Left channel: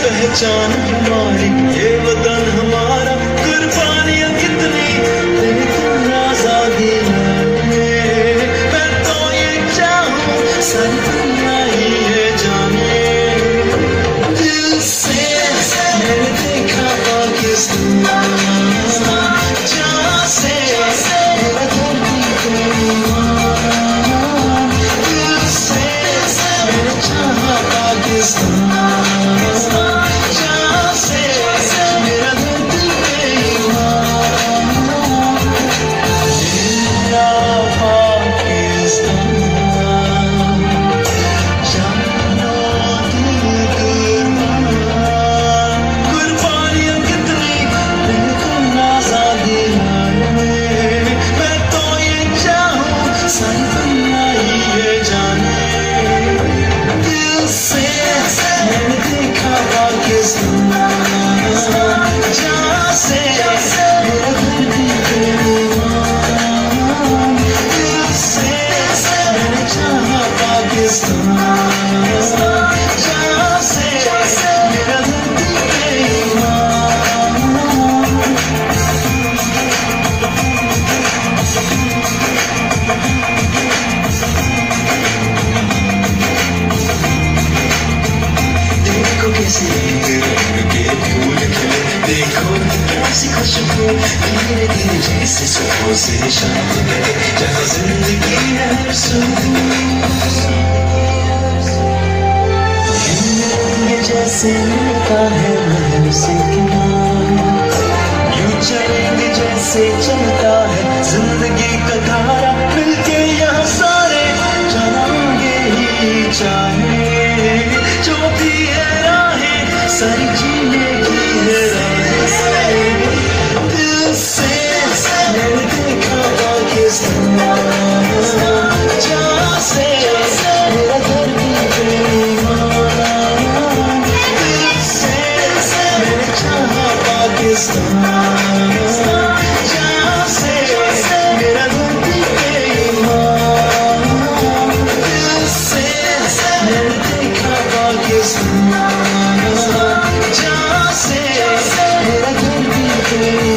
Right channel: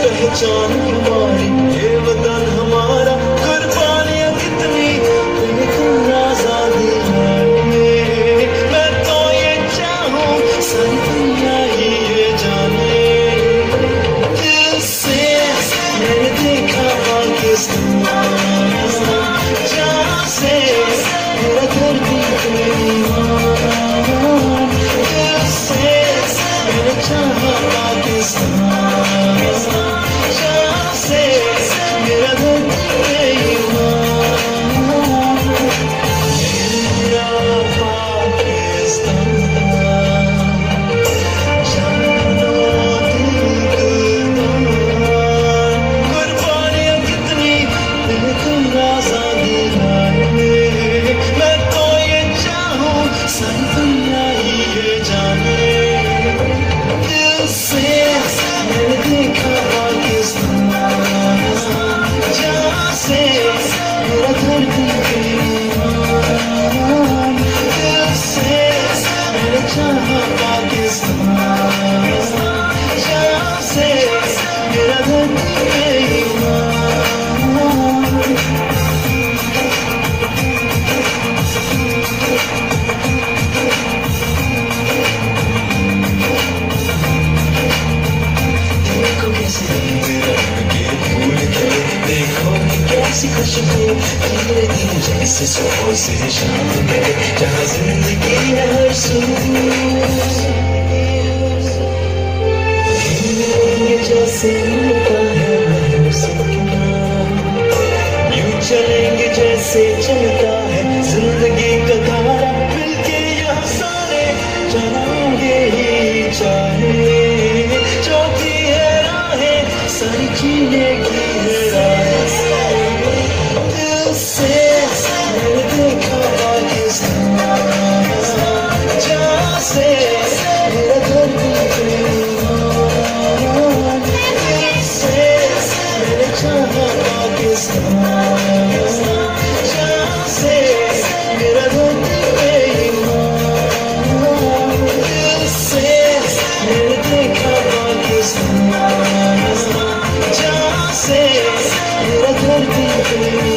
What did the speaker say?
पहचान हमारी ये वतन हमारा कुर्बानियां कितनी तुम आजादी मैं तो ये चाहूं सर दुनिया ही ये जाने दिल से मैंने देखा पाकिस्तान जहाँ से मेरा धरती पे ईमान दिल से मैंने चाहा पाकिस्तान खुशबू धीरे धीरे जैसे सुबह से शाम में जहाँ जिंदगी है हर सुबह जैसे मिलता है महल से यूं चलेंगे जैसे चलता है जिंदगी का धारा मिलके यहाँ सारे चलेंगे ही चाहे जो भी है राहें सारी जीने की है राहें जहाँ से मेरा घर भी मैंने चाहा पाकिस्तान जहाँ से मेरा घर भी दिल से मैंने देखा पाकिस्तान जहाँ से मेरा घर भी